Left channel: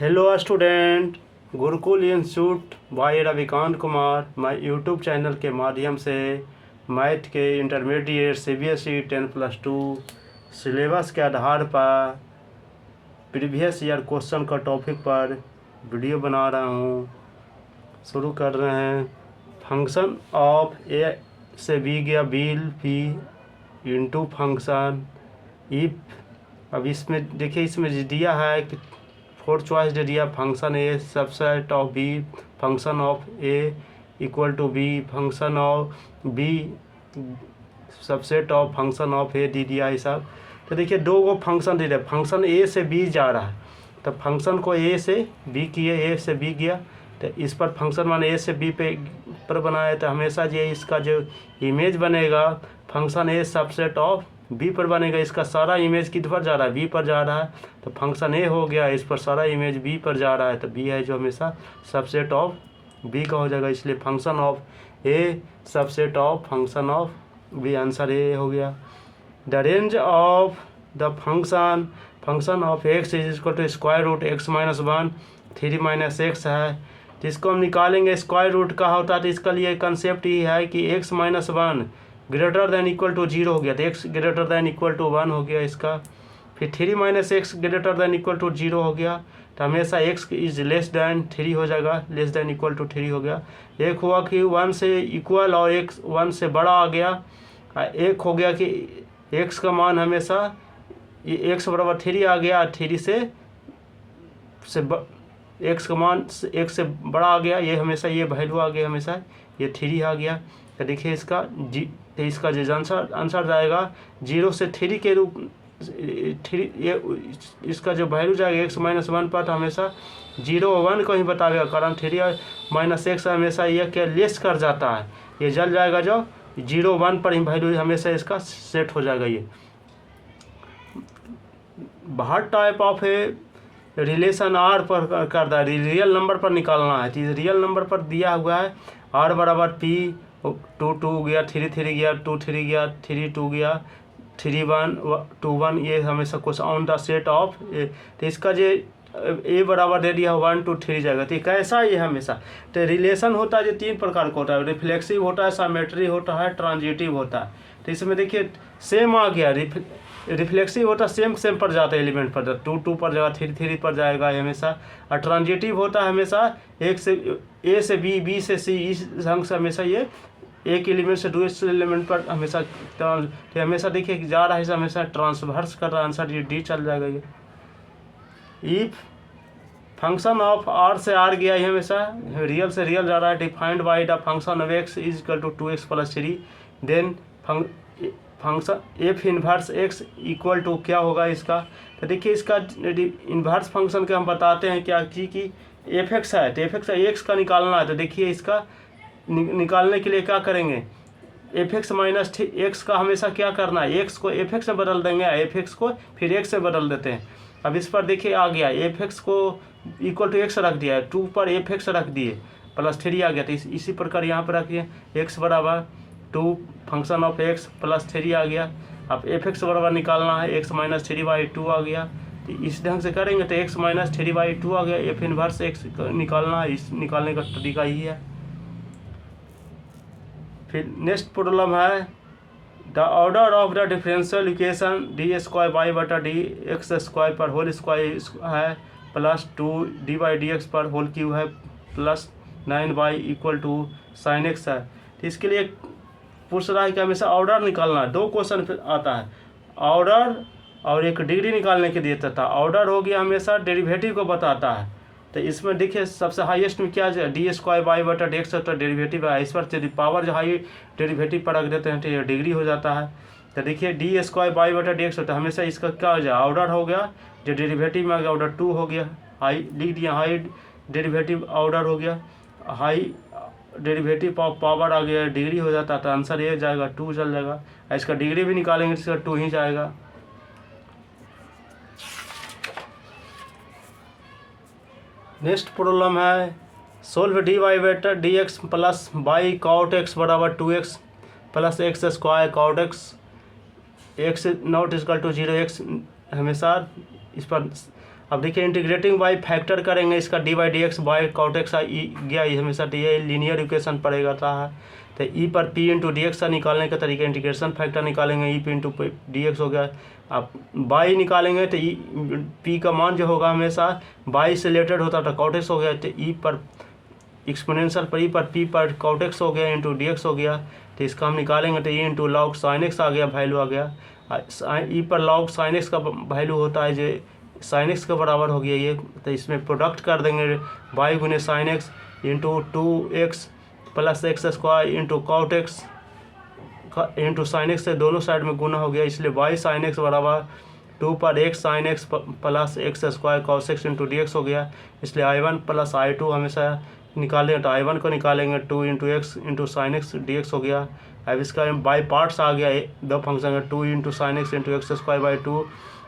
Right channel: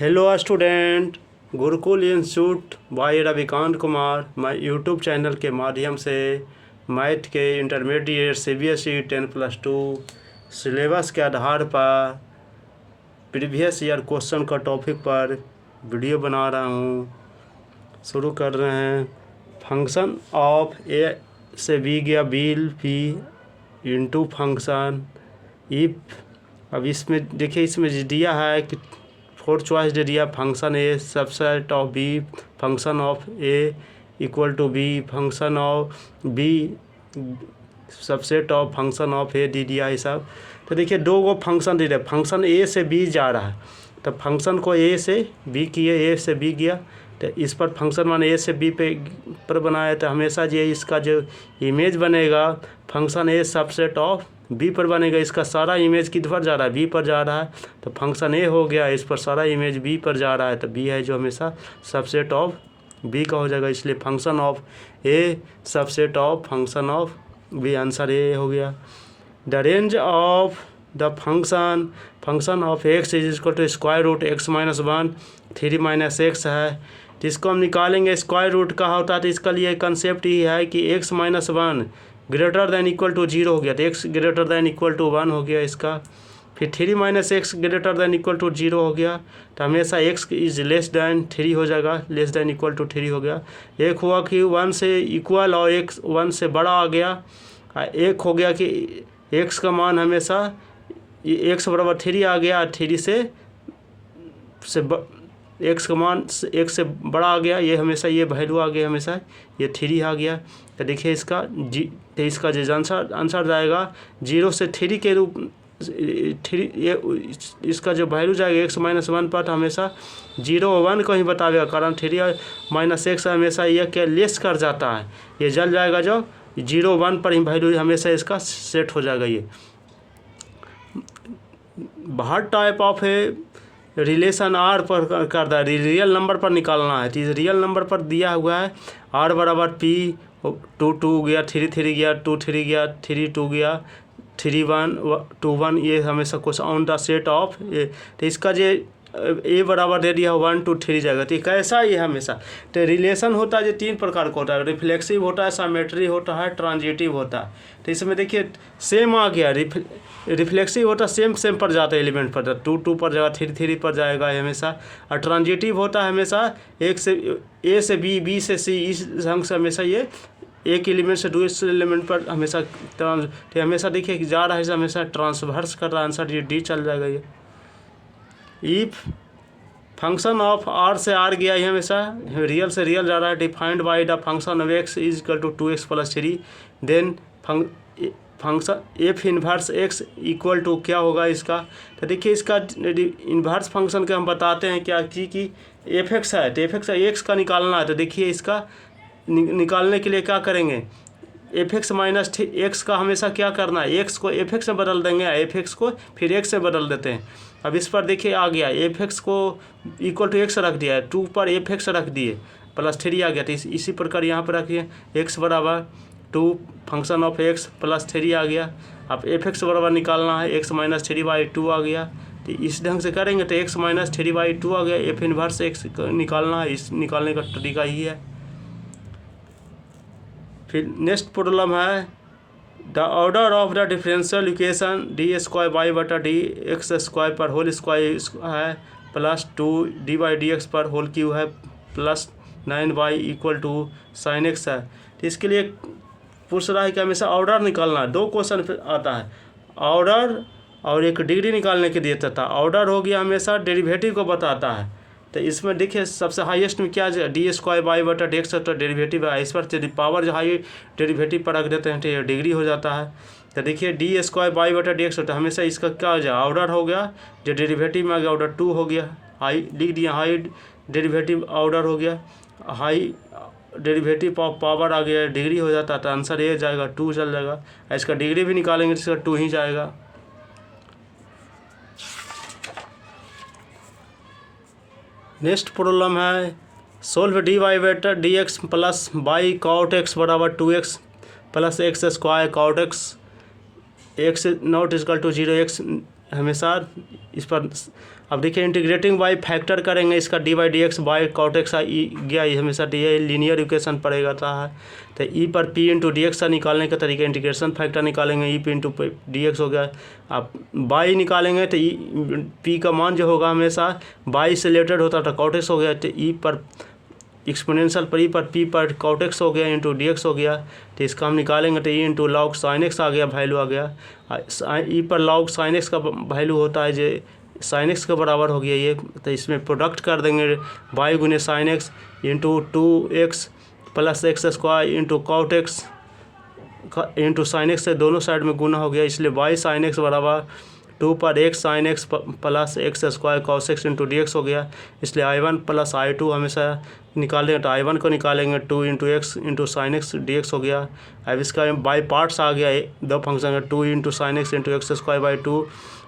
Hello student, Gurukul institute by Ravikant Kumar. मैं YouTube channel के माध्यम से मैथ के इंटरमीडिएट CBSE 10+2 सिलेबस के आधार पर प्रीवियस ईयर क्वेश्चन का टॉपिक पर वीडियो बना रहा हूँ। शुरू कर रहे हैं। फंक्शन ऑफ ए से बी गया bill P into function if. अब इसमें देखिए, इसमें दिया है कि फोर्थ चॉइस दे दिया, function A subset of B, function of A equal to B, function of B subset of function of A दे दिया। ये सब तो देखिए दो गो फंक्शन दे दिया। फंक्शन ए से बी जा रहा है तो फंक्शन को ए से बी किए, ए से बी गया तो इस पर फंक्शन माने ए से बी पर बनाया तो हमेशा ये इसका जो इमेज बनेगा function A subset of B पर बनेगा। इसका सारा इमेज किस पर जा रहा है? बी पर जा रहा है तो फंक्शन ए हो गया, इस पर सारा इमेज बी पर जा रहा है तो बी है जो हमेशा सबसेट ऑफ बी का हो जाएगा। इसलिए function of A subset of function of B, answer A हो गया। The range of the function of x is equal to square root x minus 1 3 minus x है। तो इसको हम निकालेंगे स्क्वायर रूट का होता है तो इसका लिए कंसेप्ट ये है कि x minus 1 greater than equal to 0 हो गया तो x greater than equal to 1 हो गया इसका। फिर 3 minus x greater than equal to 0 हो गया तो हमेशा एक्स इज लेस दैन 3 हो जाएगा, लेस दैन इक्वल टू 3 हो गया। एक हुआ कि 1 से इक्वल और एक्स 1 से बड़ा आ गया। एक हो गया कि एक्स का मान हमेशा एक्स बराबर 3 आ गया, 3 से एक्स का मान एक्स से बड़ा आ गया, ये हमेशा ये वैल्यू आ गया, हमेशा ये 3 आ गया। तो देखिए इसका तो इसका जो आंसर जाएगा 0 से 3 के रूप 3, ये इसका जो वैल्यू जाएगा एक्स माइनस 1 पर हमेशा 0 1 को ही बताएगा, कारण 3 माइनस एक्स हमेशा ये क्या लेस कर जाता है, ये जल जाएगा जो 0 1 पर ही वैल्यू हमेशा इसका सेट हो जाएगा। ये बाहर टाइप ऑफ है रिलेशन आर पर कर दिया, रियल नंबर पर निकालना है। तो रियल नंबर पर दिया हुआ है आर बराबर पी 2 2 गया, 3 3 गया, 2 3 गया, 3 2 गया, 3 1 2 1, ये हमेशा कुछ ऑन द सेट ऑफ ए। तो इसका जो ए बराबर दे दिया 1 2 3 जाएगा। तो कैसा ये हमेशा तो रिलेशन होता है जो 3 प्रकार का होता है, रिफ्लेक्सिव होता है, सिमेट्री होता है, ट्रांजिटिव होता है। तो इसमें देखिए सेम आ गया, रिफ्लेक्सिव होता है सेम पर जाता है एलिमेंट पर, 2 2 पर जाएगा, 3 3 पर जाएगा हमेशा। और ट्रांजिटिव होता है हमेशा एक से ए से बी, बी से सी, इस ढंग से हमेशा ये एक एलिमेंट से दूसरे एलिमेंट पर हमेशा हमेशा देखिए जा रहा है, हमेशा ट्रांसवर्स कर रहा है, आंसर ये डी चल जाएगा। ये इफ फंक्शन ऑफ आर से आर गया ये हमेशा रियल से रियल जा रहा है, defined by the function of x is equal to 2x + 3, then function f inverse x equal to क्या होगा इसका। तो देखिए इसका इन्वर्स फंक्शन के हम बताते हैं क्या कि एफ एक्स है तो एफ एक्स एक्स का निकालना है। तो देखिए इसका निकालने के लिए क्या करेंगे, एफ एक्स माइनस एक्स का हमेशा क्या करना है, एक्स को एफ एक्स में बदल देंगे, एफ एक्स को फिर एक्स से बदल देते हैं। अब इस पर देखिए आ गया एफ एक्स को इक्वल टू एक्स रख दिया है, 2 पर एफ एक्स रख दिए +3 आ गया। तो इसी प्रकार यहाँ पर रखिए एक्स बराबर 2 फंक्शन ऑफ एक्स +3 आ गया। अब एफ एक्स बराबर निकालना है, एक्स माइनस 3/2 आ गया। तो इस ढंग से करेंगे तो एक्स माइनस 3/2 आ गया, एफ इनवर्स एक्स निकालना है, इस निकालने का तरीका ही है। फिर नेक्स्ट प्रॉब्लम है the order of the differential equation d² पर होल स्क्वायर है +2 d/dx पर होल क्यू है +9y equal to sin x है। तो इसके लिए पूछ रहा है कि हमेशा ऑर्डर निकालना है। 2 क्वेश्चन फिर आता है, ऑर्डर और एक डिग्री निकालने के देता था। ऑर्डर हो गया हमेशा डेरिवेटिव को बताता है। तो इसमें देखिए सबसे हाईएस्ट में क्या d²/dx तो डेरिवेटिव है, इस पर पावर जो हाई डेरिवेटिव पर रख देते हैं तो ये डिग्री हो जाता है। तो देखिए d²/dx होता है, हमेशा इसका क्या हो जाए ऑर्डर हो गया, जो डेरिवेटिव में आ गया ऑर्डर 2 हो गया, हाई लिख दिया, हाई डेरिवेटिव ऑर्डर हो गया, हाई डेरिवेटिव पावर आ गया, डिग्री हो जाता है। तो आंसर ये जाएगा 2 चल जाएगा। इसका डिग्री भी निकालेंगे तो इसका 2 ही जाएगा। नेक्स्ट प्रॉब्लम है solve dy/dx plus by cot x बराबर 2x + x² cot x not equal to 0 x हमेशा इस पर अब देखिए इंटीग्रेटिंग बाय फैक्टर करेंगे, इसका D by D x by cot x गया, ये हमेशा ये लीनियर इक्वेशन पड़ेगा था। तो ई पर पी इंटू डी एक्स का निकालने का तरीका इंटीग्रेशन फैक्टर निकालेंगे, E P into D x हो गया। आप बाई निकालेंगे तो ई पी का मान जो होगा हमेशा बाई से रिलेटेड होता था, कॉट एक्स हो गया। तो ई पर एक्सपोनेंशियल पर ई पर पी पर कॉट एक्स हो गया इंटू डी एक्स हो गया। तो इसका हम निकालेंगे तो e into log sine x आ गया, वैल्यू आ गया। ई पर लॉग साइन एक्स का वैल्यू होता है जो साइन एक्स के बराबर हो गया ये। तो इसमें प्रोडक्ट कर देंगे बाई गुने sine x into 2x plus x square into cot x into sine x से दोनों साइड में गुना हो गया, इसलिए बाई साइन एक्स बराबर 2 पर x sign x plus x square cos x into D x हो गया। इसलिए I1 प्लस I2 हमेशा निकालेंगे तो I1 को निकालेंगे 2 into x into sine x D x हो गया। अब इसका बाई पार्ट्स आ गया, दो फंक्शन है 2 into sine x into x square by 2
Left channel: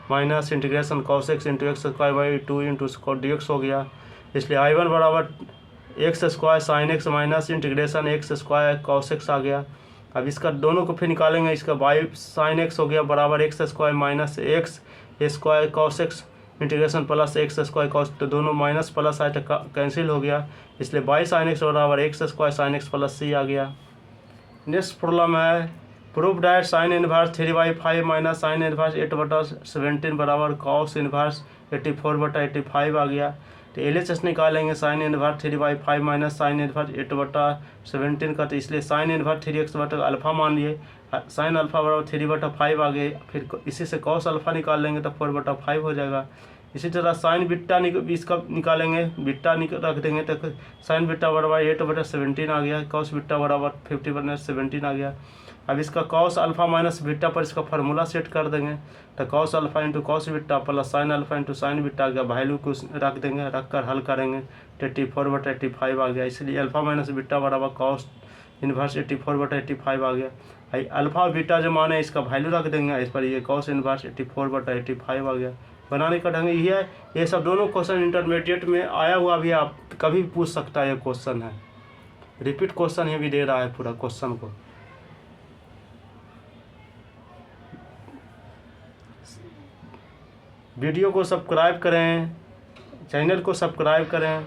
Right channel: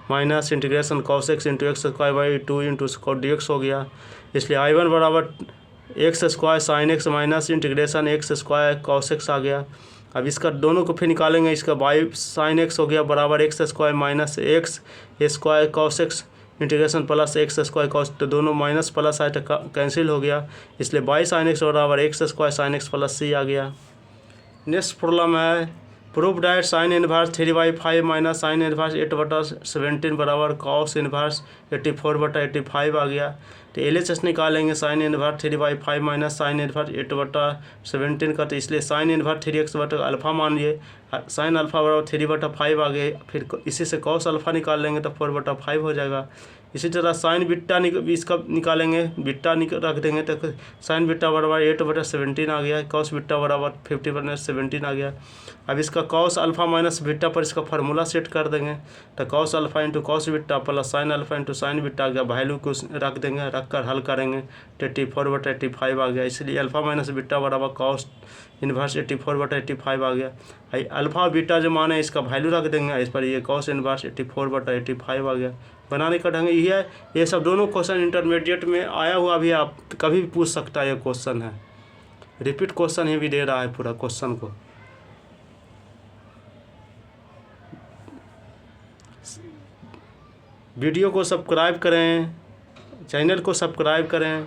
minus integration cos x into x square by 2 into cot d x हो गया। इसलिए I1 बराबर x square sine x minus integration x square cos x आ गया। अब इसका दोनों को फिर निकालेंगे, इसका बाई साइन एक्स हो गया बराबर x square minus x square cos x integration plus x square cos, तो दोनों माइनस प्लस आए तो कैंसिल हो गया, इसलिए बाई साइन एक्स बराबर x square sine x plus c आ गया। नेक्स्ट प्रॉब्लम है proof that sine inverse 3/5 minus sine inverse 8/17 बराबर कॉस इनवर्स 84/85 आ गया। तो LHS निकालेंगे sign inverse 3/5 minus sine inverse 8/17 का, तो इसलिए साइन इनवर्स 3x बटा अल्फा मान लिए, साइन अल्फा बराबर 3/5 आ गए। फिर इसी से कॉस अल्फा निकाल लेंगे तो 4/5 हो जाएगा। इसी तरह साइन बिट्टा इसका निकालेंगे, बिट्टा रख देंगे तो साइन बिट्टा बराबर 8/17 आ गया, कॉस बिट्टा बराबर 50/17 आ गया। अब इसका कॉस अल्फा माइनस बिट्टा पर इसका फार्मूला सेट कर देंगे, तो cos alpha into cos beta plus sine alpha into sine beta आ गया, वैल्यू को रख देंगे, रख कर हल करेंगे 84/85 आ गया। इसलिए अल्फा माइनस बिट्टा बराबर कॉस इनवर्स 84/85 आ गया। अल्फा बीटा जो मान है इसका वैल्यू रख देंगे इस पर, ये कॉस इनवर्स 84/85 आ गया। बनाने का ढंग यही है। ये सब दोनों क्वेश्चन इंटरमीडिएट में आया हुआ भी आप कभी भी पूछ सकता है, ये क्वेश्चन है, रिपीट क्वेश्चन ही भी दे रहा है पूरा क्वेश्चन को। वीडियो को सब्सक्राइब करें, चैनल को सब्सक्राइब करें।